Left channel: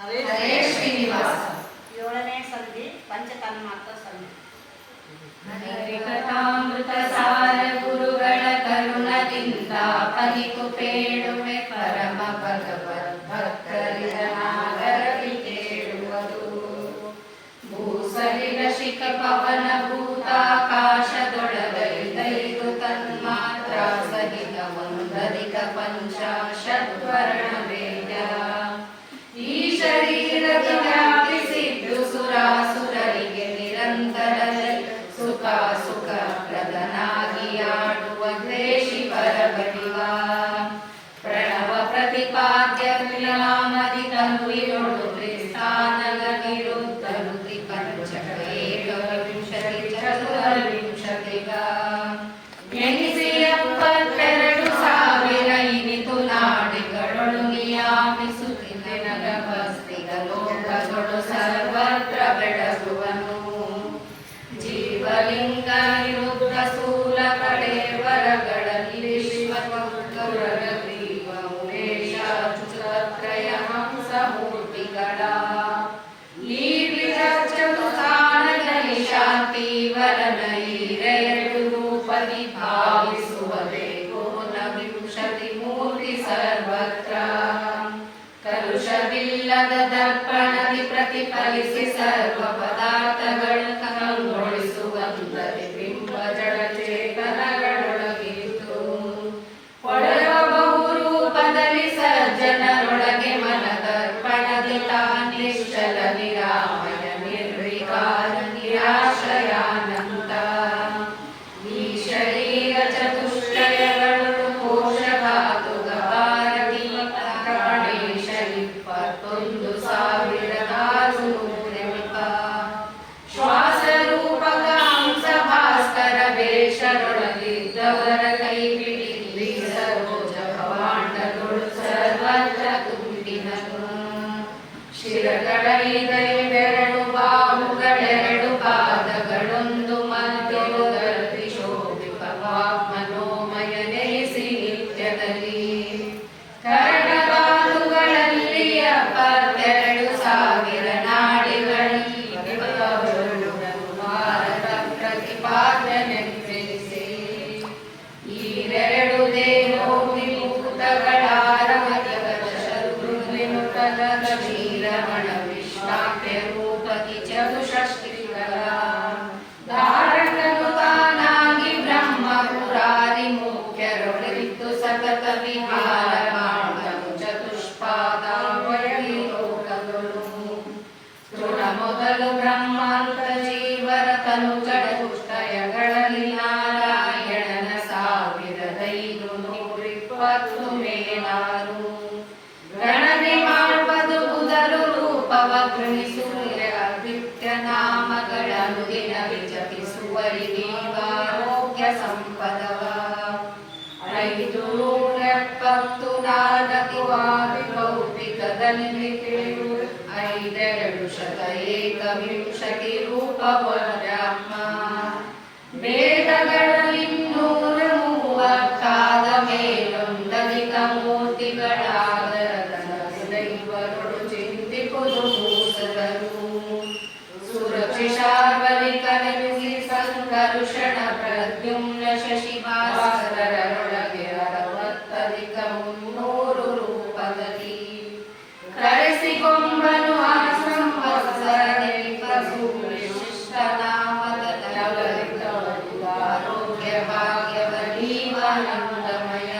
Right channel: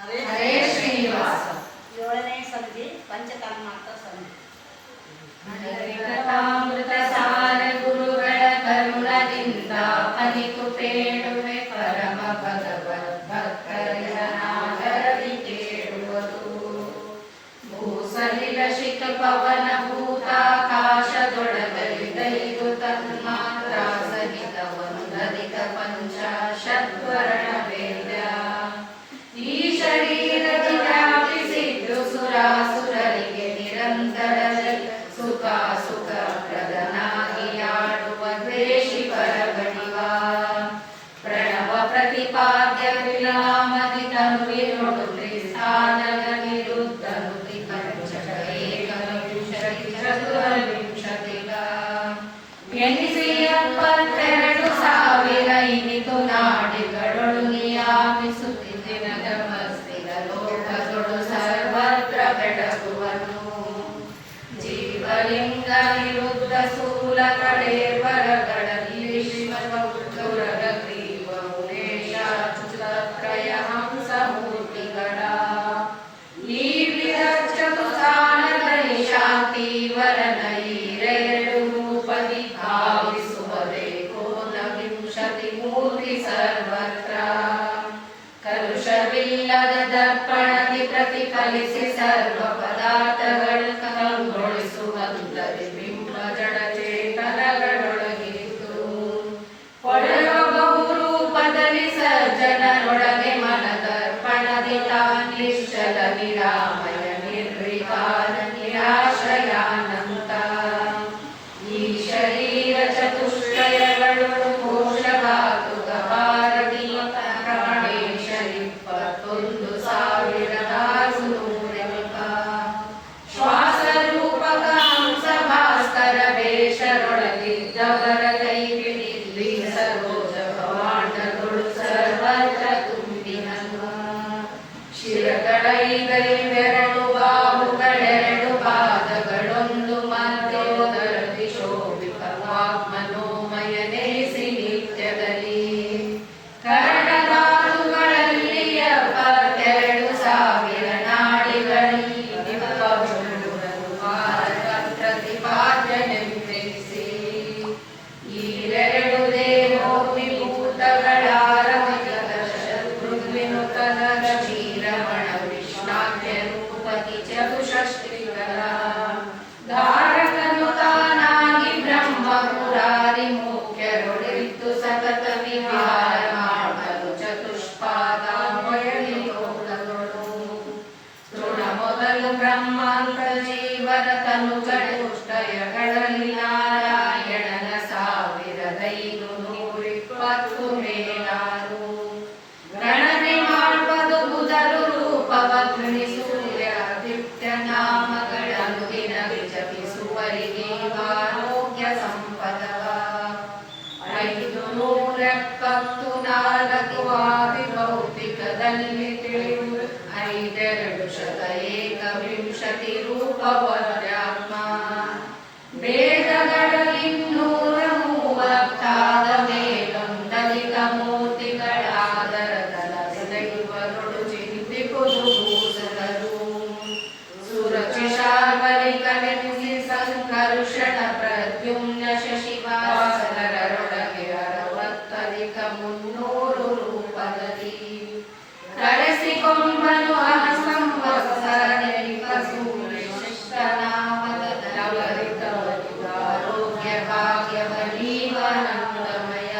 ಹರೇ ಶ್ರೀನಿವಾಸ. 7ನೇ ಸಂಧಿ ಪಂಚತನ್ಮಾತ್ರ ಸಂಧಿ. ಹರಿಕಥಾಮೃತ ಸಾರ ಗುರುಗಳ ಕರುಣದಿಂದ ಪನಿತು ಪೇಳುವೆ ಪರಮ ಭಗವದ್ ಭಕ್ತರಿದನಾಗರದಿ ಕೇಳುವುದು. ಭೂಸಲಿಲ ಶಿಖ ಪವನ ಭೂತಾಕಾಶದೊಳಗಲಿದೈದು ತನ್ಮಾತ್ರ ಸಹಿತ ಒಂದರಿತ ಪಂಚಾಶದ್ವರ್ಣ ವೇದ. ಈ ಶರೀರಕ್ಕೆ ವ್ಯಾಪಿಸಿದ್ದು ಸುರಾಸುರರಿಗೆ ನಿರಂತರದಲ್ಲಿ ಸುಖ ಪ್ರದನಾಗಿಯಾಡುವ ದ್ವೇಷಿ ಪರಗಣಿವ. ಪ್ರಣವ ಪ್ರತಿಪಾದ್ಯ ವಿನಾಮದಿ ತನುವಿನೊಳು ತ್ರಿಸ್ಥಾನನ ನಿರುದ್ಧನು ತ್ರಿಪಂಚಕ ಏಕವಿಂಶತಿ ಚತುರ್ವಿಂಶತಿಗ ಎನಿಸಿ 72,000 ಇನಿತು ನಾಡಿಗಳೊಳು ನಿಯಾಮಿಸುತ್ತಿನ ತಪಸ್ಸಿಗ ಲೋಕದೊಳು ಸರ್ವತ್ರ ಬೆಳಗುವನು. ಜೀವಲಿಂಗ ನಿರುದ್ಧ ಸ್ಥೂಲ ಕಳೇಬರಗಳಲ್ಲಿ ವಿಶ್ವಗೌರವ ಗ್ರೀವ ಉಮೇಶ ಅಚ್ಯುತತ್ರಯ ಹಂಸ ಮೂರ್ತಿಗಳ. ಈ ವಿರಚತುಸ್ಥಾನದಲ್ಲಿ ಶಾಂತಿ ವರನ ಈರೆರಡು ರೂಪದಿ ಭಾವಿಸುವಬೇಕು ವಿಂಶತಿ ಮೂರ್ತಿ ಸರ್ವತ್ರ. ಕಲುಷವಿಲ್ಲದ ದರ್ಪಣದಿ ಪ್ರತಿಫಲಿಸಿ ಸರ್ವ ಪದಾರ್ಥಗಳು ಕಂಗೊಳಿಸುವಂತರಿ ಬಿಂಬ ಜಡ ಚೇತನಗಳೊಳಗಿತ್ತು. ಹೊಳೆವ ಬಹುರೂಪದಲ್ಲಿ ಸಜ್ಜನರೊಳಗೆ ಮನದರ್ಪಣದಿ ತಾನಿಶ್ಚಲ ನಿರಾಮಯ ನಿರ್ವಿಕಾರ ನಿರಾಶಯಾನಂತ. ಈ ಶರೀರ ಚತುಷ್ಟಯಗಳು ಕೋಶಧಾತು ಗವಾರಡಿ ಪ್ರಾಣೇಶ 21,600 ಶ್ವಾಸ ರೂಪಕ ಹಂಸ ಭಾಸ್ಕರ ವೇಷದೊಳಗಿದ್ದವರ ಕೈ ಬಿಡಿಲ್ಲಿ ಸರೋಜ ಭವಾಂಡಗಳು ಸರ್ವತ್ರ ತುಂಬಿನನು. ಶಿರಗಳೈದೆರಡು ಬಾಹುಗಳೆರಡು ಪಾದಗಳೊಂದು ಮಧ್ಯದಲ್ಲಿ ಶೋಭಿತ ವಾಗ್ಮನೋಮಯ ನೆಲೆಸಿ ನಿತ್ಯದಲ್ಲಿ. ಕರ್ಣಧಾತುಗಳಲ್ಲಿ 72,000 ನಾಡಿಗಳಲ್ಲಿ ಭಾರತ ಪ್ರತಿಪಾದನೆಂದೆನಿಸಿ. ಈರೆರಡು ದೇಹೋ ವಿಭೂತಗಳಾರಮತದ ಕ್ಷೀರಮಣ ವಿಷ್ಣಾಖ್ಯ ರೂಪತಿ ಚತುಷಷ್ಟಿಗಳ. ಧಾರಣನು ತಾನಾಗಿ ಬ್ರಹ್ಮ ಪುರಾರಿ ಮುಖ್ಯರೊಳಿತ್ತು ಸತತ ವಿಹಾರ ಮಾಡಲು ಚತುಷ್ಪಾದಾಮಯಲಿ ಲೋಕಗಳು. ತೃಣ ಮೊದಲು ಬ್ರಹ್ಮಾಂತ ಜೀವರ ತನು ಚತುಷ್ಟಯಗಳಲ್ಲಿ ನಾರಾಯಣನ 1,520 ಮೇಲಾರು. ಗಣನೆ ಮಾಡುವುದು ಬುಧರು ರೂಪವ ಗೃಣಿಸೂರ್ಯಾದಿತ್ಯ ನಾಮಗಳನ್ನು ದಿನ ವಿಜಪಿಸುವರಿಗೀವಾರೋಗ್ಯ ಸಂಪದವ. 574 ಆದಿಭೌತಿಕದಲ್ಲಿ ತಿಳಿಯುವ 5,221 ರೂಪವರ್ಯಾಮ. ವೇದಗಳಲ್ಲಿ 230 ಮೇಲೊಂದಧಿಕ ಮೂರ್ತಿಗಳಾದರತನ ಹೃದಯುವರುಳು ಚಿಂತಿಪುದು ಭೂಸದರು. ಸುರಚಿಶಾರ್ವರಿಕನೆನಿಸಿ ಸಂಕರುಷಣ ಪ್ರದ್ಯುಮ್ನ ಶಶಿವಾಸರರೊಳಗೆ 60,300 ರೂಪದಲ್ಲಿ. ಕರೆಸಿಕೊಂಬನು ಆ ಸಂವತ್ಸರನಿಷ್ಟನಾಮದ ಆರೋಗ್ಯ ಭಾಗ್ಯವನೀವಾನಂದಮಯ.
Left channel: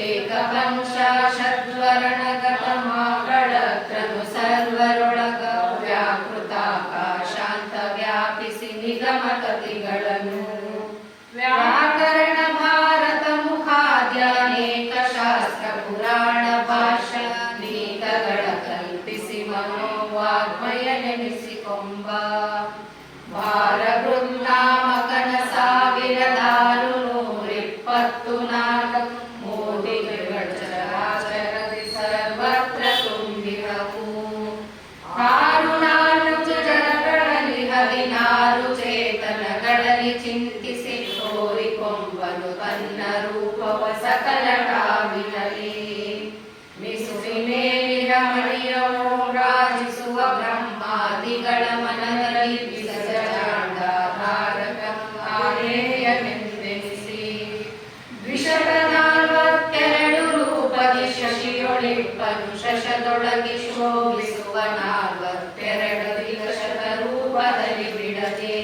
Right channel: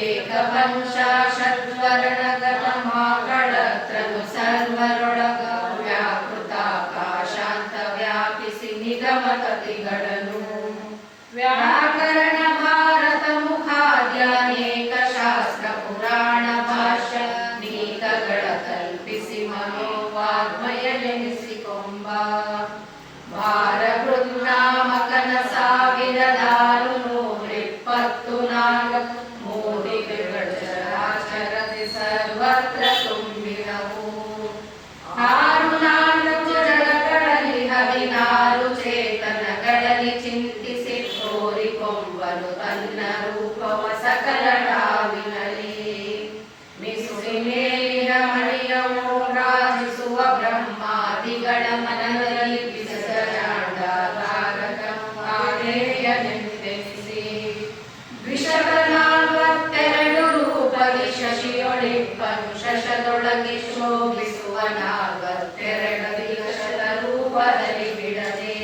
ಏಕಪಂಚಾಶದ್ವರ್ಣಗತ ಮಾಕಳತ್ರನು ಸರ್ವರೊಳಗ ವ್ಯಾಕೃತಾಕಾಶಾಂತ ವ್ಯಾಪಿಸಿ ನಿಗಮತತಿಗಳನ್ನು. ವ್ಯಾಕರಣ ಭಾರತ ಮುಖಾದ್ಯಾನೇಕ ಶಾಸ್ತ್ರ ಪುರಾಣ ಭಾಷ್ಯ ನೀಕಗಳ ಕಲ್ಪಿಸಿ ಮನೋವಾಗ್ಮಯ ನೆನೆಸಿಕೊಂಬ. ಭಾರ ಬೃಂದಾಮಕನ 1,624 ಮೂರ್ತಿಗಳು ಚರಾಚರದಿ ಸರ್ವತ್ರ ತುಂಬಿದವು. 6 ಜಡಗಳಲ್ಲಿ 16 ಚೇತನಗಳಲ್ಲಿ ಚಿಂತಿಸಿ ತೋರಿಕೊಂಬನು ತನ್ನ ರೂಪವ ಸಕಲ ಟಾವಿನಲ್ಲಿ. ಮಿಸುಳಿ ಮೇಲಿರ ಮಡಿಯವು ಬೆಳಗಿ ಶೋಭಿಸುವ ನಾಲ್ವತ್ತೆರಡು ವಿಕಸದ ರೂಪದಲ್ಲಿ ಬಿಡದೆ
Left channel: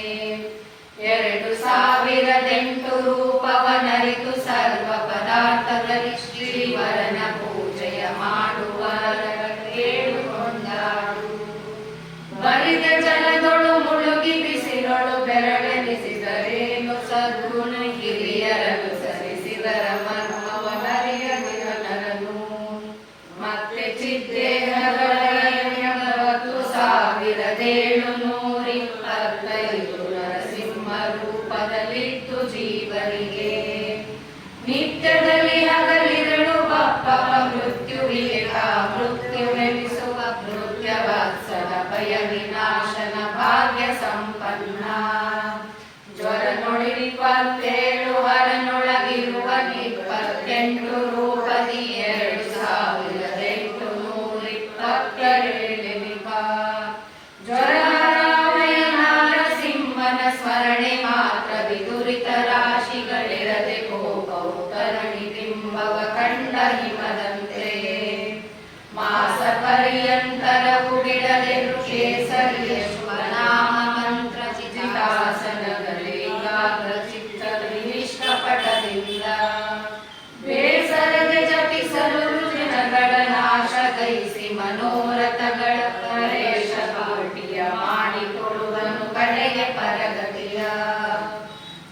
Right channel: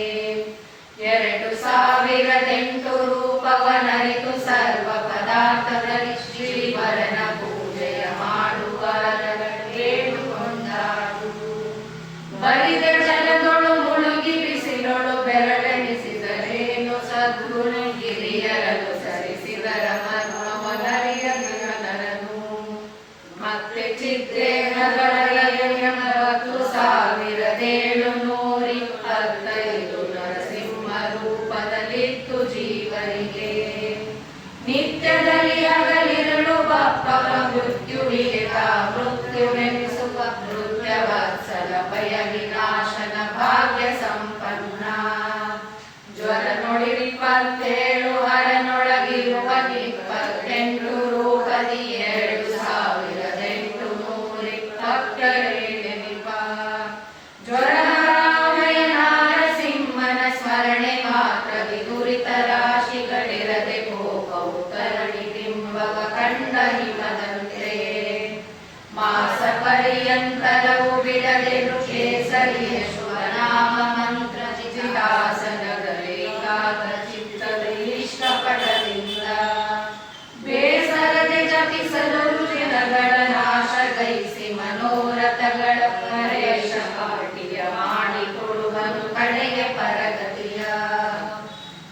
2008 ರೂಪವನರಿತು ಸರ್ವ ಪದಾರ್ಥದಲ್ಲಿ ಶ್ರೀವರನ ಪೂಜೆಯ ಮಾಡುವ ಕೇಳಿಕೊಂಡಾಡು. ಬರಿದ ಜಲದೊಳು ಮುಳುಗಿ ಬಿಸಿಲೊಳು ಬೆರಳೆನಿಸಿದರೇನು ಸದ್ಗುಣ ಗಿರಿಯರನು ಸರಿಸಿದರ ಮರ್ಮವನರಿಯನರನು ಮತ್ತೆ ಚಿದ್ದೇಹಗಳ 10,725 ನರಸಿಂಹ ರೂಪದಲ್ಲಿತ್ತು ಜೀವರಿಗೆ. ನಿತ್ಯದಲ್ಲಿ ಹಗಲಿರುಳು ಬಪ್ಪವ ಮೃತ್ಯುವಿಗೆ ಮೃತ್ಯುವೆನಿಸುವ ಮೃತ್ಯವತ್ಸಲ ಭಯ ವಿನಾಶನ ಭಾಗ್ಯ ಸಂಪನ್ನ. ಜ್ವರ ನೋಡಿ 27 ಹರನೊಳಗಿರುವ 28 ರೂಪದಿ 2,822 ಜ್ವರರಾಮಯ ನಾರಸಿಂಹನ ಸ್ಮರಣೆ ಮಾತ್ರ ವಿದುರಿತ ರಾಶಿಗಳಿರದೆ ಕೋಪವು ತರಣಿ ಬಿಂಬವ ಕಂಡ ಹಿಮದಂತೆ. ಮಾಸ ಪರ್ಯಂತರವು ಬಿಡದೆ ಕೇಸರಿಯ ಶುಭನಾಮ ಮಂತ್ರ ಚಿತಾಸನಗಳೇ ಚಿತ್ತಪಟದಿಂದ ಬೇಸರದೆ ಜಪಿಸಲು ರುಜಿನಗಳ ನಾಶ ದಯಿಸಿ ಮನೋರಥಗಳ ಪರೇಶ ಪಾಟಿಯ ಮಾಡಿಕೊಡುವನು ಕಡೆಯ ಪರಗತಿಯ.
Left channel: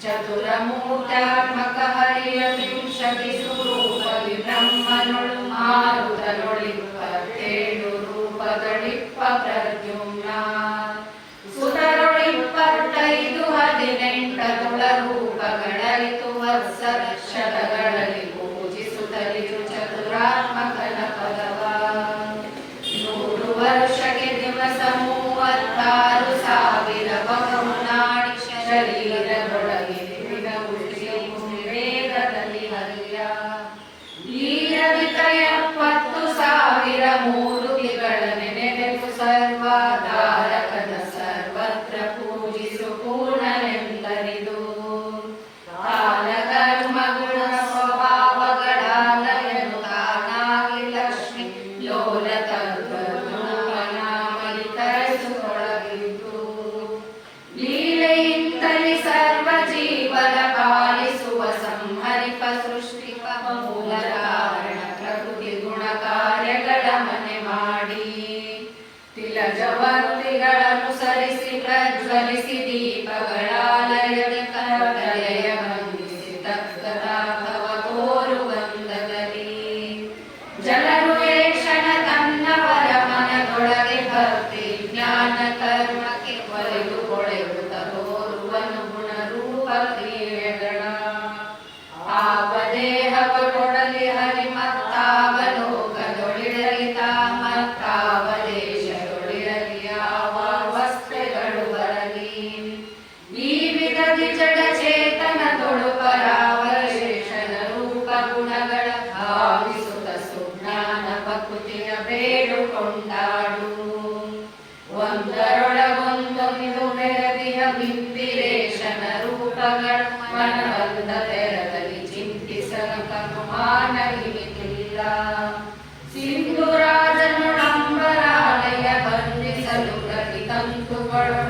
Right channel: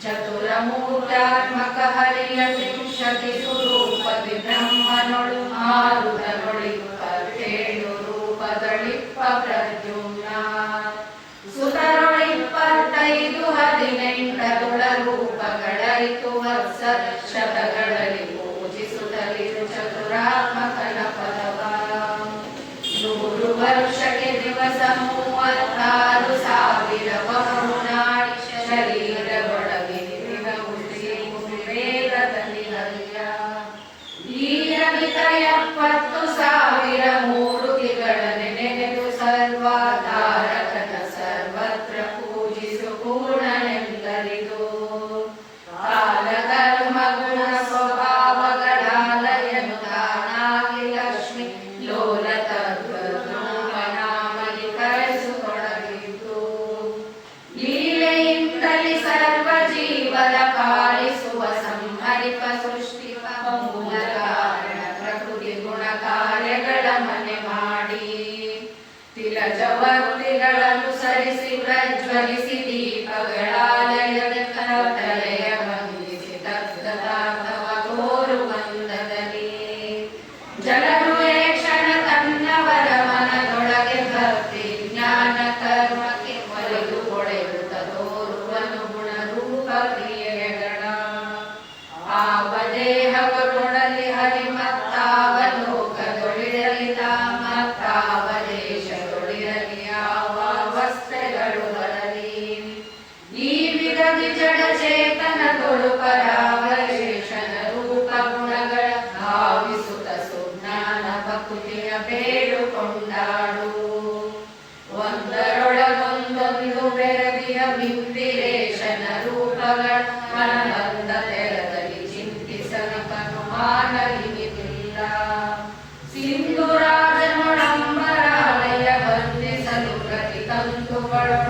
ಚತುರಮೂರ್ತ್ಯಾತ್ಮಕ ಹರಿಯ 30 ಸ್ವರೂಪದಿ ಬ್ರಹ್ಮನೊಳು ಮಾರುತನೊಳಿಪ್ಪತ್ತೇಳು ರೂಪದೊಳಿಪ್ಪ ಪ್ರದ್ಯುಮ್ನ. ಸುತರೊಳಿಪ್ಪತ್ತೈದು 18 ರೂಪಗಳರಿತು ವರ್ಷ ಶತಗಳಲ್ಲಿ ಪೂಜಿಸುತ್ತಲಿರು ಚತುರಾತ್ಮಕನ ಪದವ. 100 ವರ್ಷಕ್ಕೆ ದಿವಸ 36,000 ಬಹುನಾಡಿ ಶರೀರದೊಳಗೆ ವೇಗದಲ್ಲಿ ಹರಿಯ. ವೀರವಿತ 70,000 ಮೂರುತಿಗಳನ್ನು ನೆನೆದು ಸರ್ವಾಧಾರಕನ ಸರ್ವತ್ರ ಪೂಜಿಸು ಪೂರ್ಣನೆಂದರಿದು. ಕಾಲಕರ್ಮ ಗುಣ ಸ್ವಭಾವಗಳಾಲಯನು ತಾನಾಗಿ ಲಕ್ಷ್ಮಿ ಲೋಲತನಾಮಿ ಕರೆಸುತ್ತೊಳಗಿದ್ದು. ಲೀಲೆಯಿಂದಲಿ ಸರ್ವ ಜೀವರ ಪಾಲಿಸುವ ಸಂಹರಿಪ ಸೃಷ್ಟಿಪ ಮೂಲ ಕಾರಣ ಪ್ರಕೃತಿ ಗುಣ ಕಾರ್ಯಗಳ ಮನೆ ಮಾಡಿ. ತಿಲಜವರ್ತಿಗಳನುಸರಿಸಿ ಪ್ರಜ್ವಲಿಸಿ ದೀಪಗಳಾಲಯದ ಕಲೆಯ ಬಂಧಿಸಿ ತಕ್ಕದಾರ್ಥವ ಕೋರುವಂದದಲ್ಲಿ. ಜಲರುವೇಷಣ ತನ್ನವರ ಮನದೊಳಗೆ ಭಕ್ತಿ ಜ್ಞಾನ ಕರ್ಮಕ್ಕೆ ಒರೆದು ಕೊಳೆಯುತ್ತ ತೋರುವನು ಗುಣರೂಪ ಕ್ರಿಯೆಗಳ. ಆವ ದೇಹವೊಡಲಿ ಹರಿಮತ್ತಾವ ಲೋಕದೊಳಿರಲಿ ಮತ್ತಾವ ದೇಶದೊಳಿರಲಿ ಯಾವ ಅವಸ್ಥೆಗಳು ಬರಲಿ. ಈ ವಿಧದಿ ಜಡ ಚೇತನದೊಳು ಪರಾವಶೇಷನ ರೂಪ ಗುಣಗಳ ಭಾವಿಸುತ್ತ ಸುಜ್ಞಾನ ಭಕ್ತಿಯ ಬೇಡುಕೊಂಡಾಡು. ಒಂದರೊಳಗೊಂದೊಂದು ಬೆರಗಿಯ ಬಿಂಬಿರೇಶನ ರೂಪಗಳ ಮನಬಂದ ತೆರದಲ್ಲಿ ಚಿಂತಿಸಲು ಕನುಮಾನವಿನಿಲ್ಲ. ಸಿಂಧುರಾಜನೊಡಂಬರಾಲಯ ಬಂಧಿಸಲು ಗತಿ ತಂತುಗಳು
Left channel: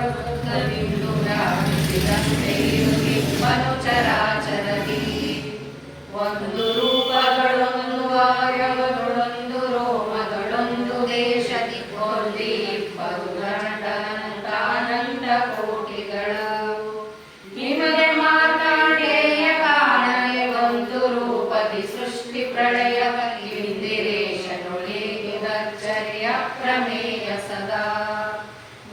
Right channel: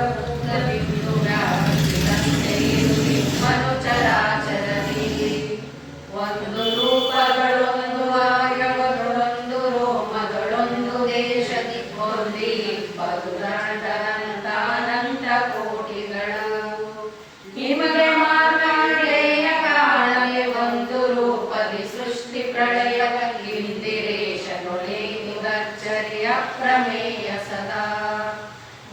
ಮನು ಚರಾಚರಲಿ. ಒಂದು ರೂಪಗಳೊಂದು ಆರ್ಯವಗಳೊಂದು ರೋಮಗಳೊಂದು ದೇಶದಿ ಒಂದು 20 ಕೋಟಿಗಳು. ನಿಮಗೆ ಮಾರ್ಕಾಂಡೇಯ ಕಾಣಲೆ ಒಂದು ರೂಪದಿ ಸೃಷ್ಟಿ ಪ್ರಳಯವ ಇಂದಿರೇಶನೊಳಿಗಚ್ಚರಿಯ ಪ್ರಮೇಯ ಸದಾ.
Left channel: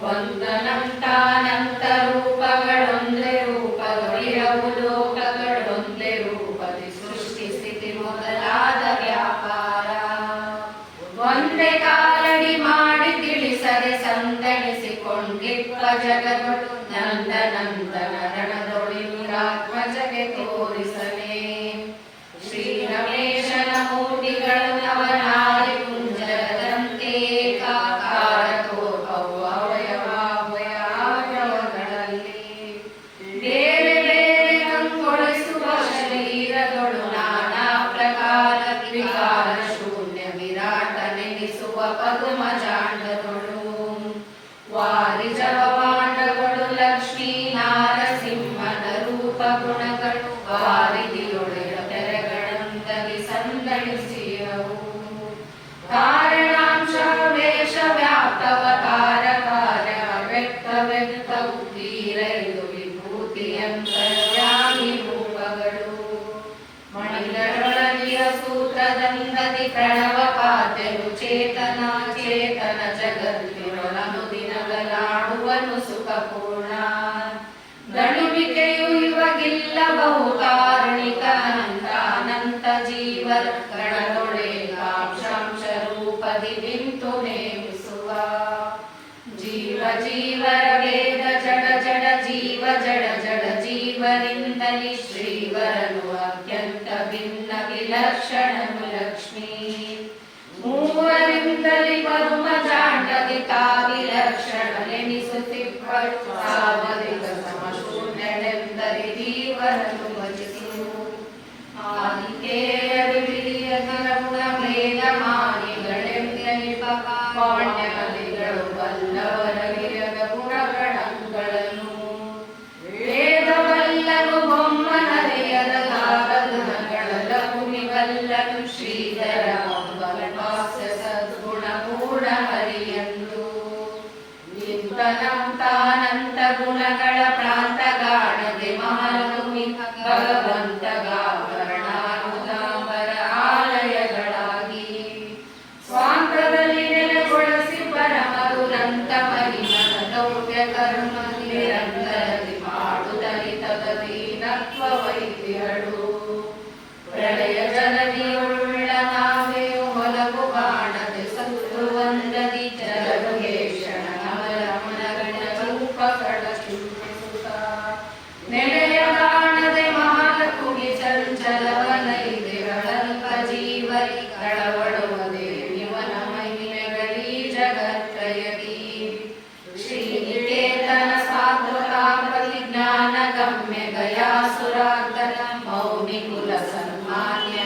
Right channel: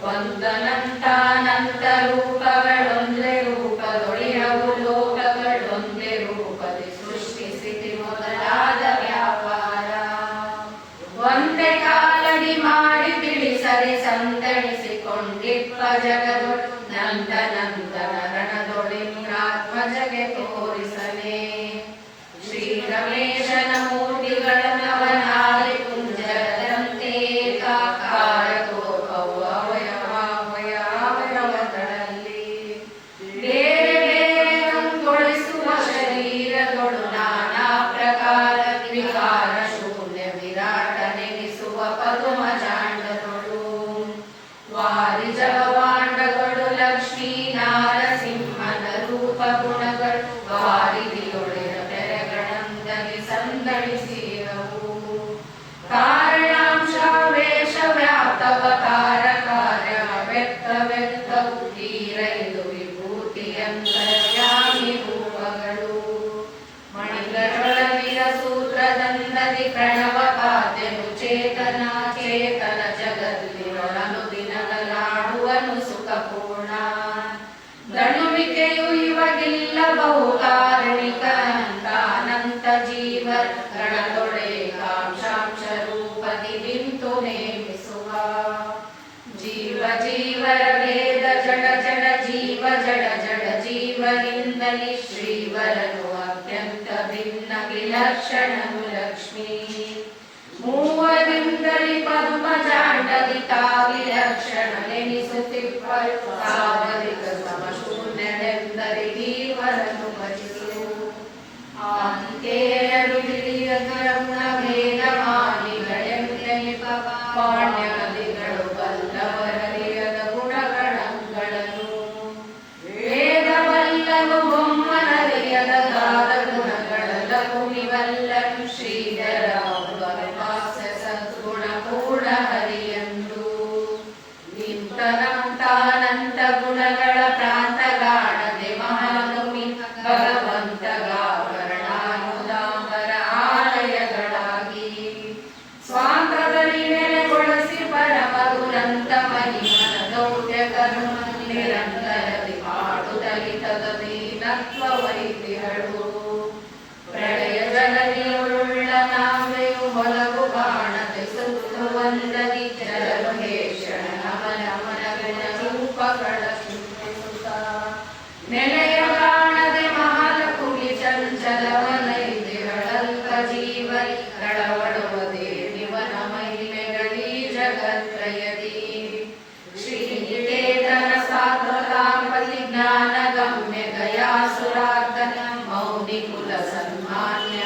ಒಂದನಂತಾನಂತ ರೂಪಗಳೊಂದೇ ರೂಪದೊಳಿರವು ಲೋಕಗಳೊಂದೇ ರೂಪದಿ ಸೃಷ್ಟಿ ಸ್ಥಿತಿ ಮೊದಲಾದ ವ್ಯಾಪಾರ. ಒಂದೇ ಕಾಲಡಿ ಮಾಡಿ ತಿಳಿಸದೆ ಸಂತಣಿಸಿಕೊಂಡಿಪ್ಪ ಜಗದೊಳು ನಂದನಂದನ ರಣದೊಳಿರಾತ್ಮಜಗೆ ತೋರಿಸಲೇ. ಶ್ರೀ ರಮೇಶನ ಮೂರ್ತಿಗಳು ನವನಾರಿ ಕುಂಜರದಂತೆ ಕಾಕ ಜೀವರ ಗಣದೊಡೆಕಾಂಶಾಂಶ ರೂಪದಿ ನಿಂತು ನೇಮಿಸುವ ಜೀವ ಜೀವರ ವೇದ ಜಡ ಜಡ ಜೀವ ಜಡ ಜಡ ಜೀವನಿಂದಲಿ ಶ್ರೀವರನು ಅತ್ಯಂತ ಭಿನ್ನ ವಿಲಕ್ಷಣನು ಲಕ್ಷ್ಮೀ ಮೂವರಿಂದಲಿ ಪದ್ಮಜಾಂಡಲಿ ವಿಲಕ್ಷಣನೆನಿಸುತ್ತಿರುವ ಸಾಧನಿಕ ಸಮಶೂನ್ಯನೆಂದಲಿ ಜೀವನನು ಭಜಿಸು ಆದಿಕೇಯರು ಹಿರಿಯ ಕರುಣ ವೇದ ಮಾನಿಗಳೆಂದೆನಿಪ ಪಾಣ್ಯ ಕವಿಗಳು ಬಲ್ಲವರ ಹಿರಿಯದ ಗುಣಗಣಗಳನ್ನು ವೇದವಲ್ಲನು ಬೊಮ್ಮನವೆಯದ ಗಾರ ಗುಣಗಳ ಭೂಮಿವಲ್ಲನು ಶ್ರೀಧರ ಸದ್ಗುಣ ಮೂಢ ಹರಿಯಂದು ನಿಂತನಂತಾನಂತ ಗುಣಗಳ ಪ್ರಾಂತಗಾಣದೆ ಮಹಾಲಕ್ಷ್ಮಿ ಭಗವಂತ ಗಾವರಣಾನುದಾಂಬರ ಆಲಯಗಳಾಗಿ ಸ್ವಾಂತದಲ್ಲಿ ನೆಲೆಗೊಳಿಸಿ ಪರಮ ದುರಂತ ಮಹಿಮನ ದೌತ್ಯ ಕರ್ಮ ನಿರಂತರದಿ ಮಾಡುತ್ತಲಿ ತದೀನತ್ವ ವೈದ್ಯಳು ಪ್ರಳಯ ಜಲವಿಯುಳ್ಳ ನಾವೆಯು ಹೊಲವು ಕಾಣದೆ ಸುತ್ತುವಂದದಿ ಜಲಮುಗೇಶನ ನಮನಮನಗಳ ರೂಪಗಳ ಸುತ್ತ ನೆಲೆಯ ಕಾಣದೆ ಮಹಾಲಕುಗಿ ಚಂಚಲವನೈದಿರಳಲ್ಪ ಜೀವಗಳವಡುವ ದೇವಿವನ ಮಹಿಮೆಗಳೀ ಜಗತ್ರಯದಿ ಶ್ರೀನಿಕೇತನ ಸಾತ್ವತಾಪತಿ ಜ್ಞಾನ ಗಮ್ಯ ದಯಾಸುರಾರ್ಧನ ಮೌನಿ ಕುಲ ಸನ್ಮಾನ್ಯ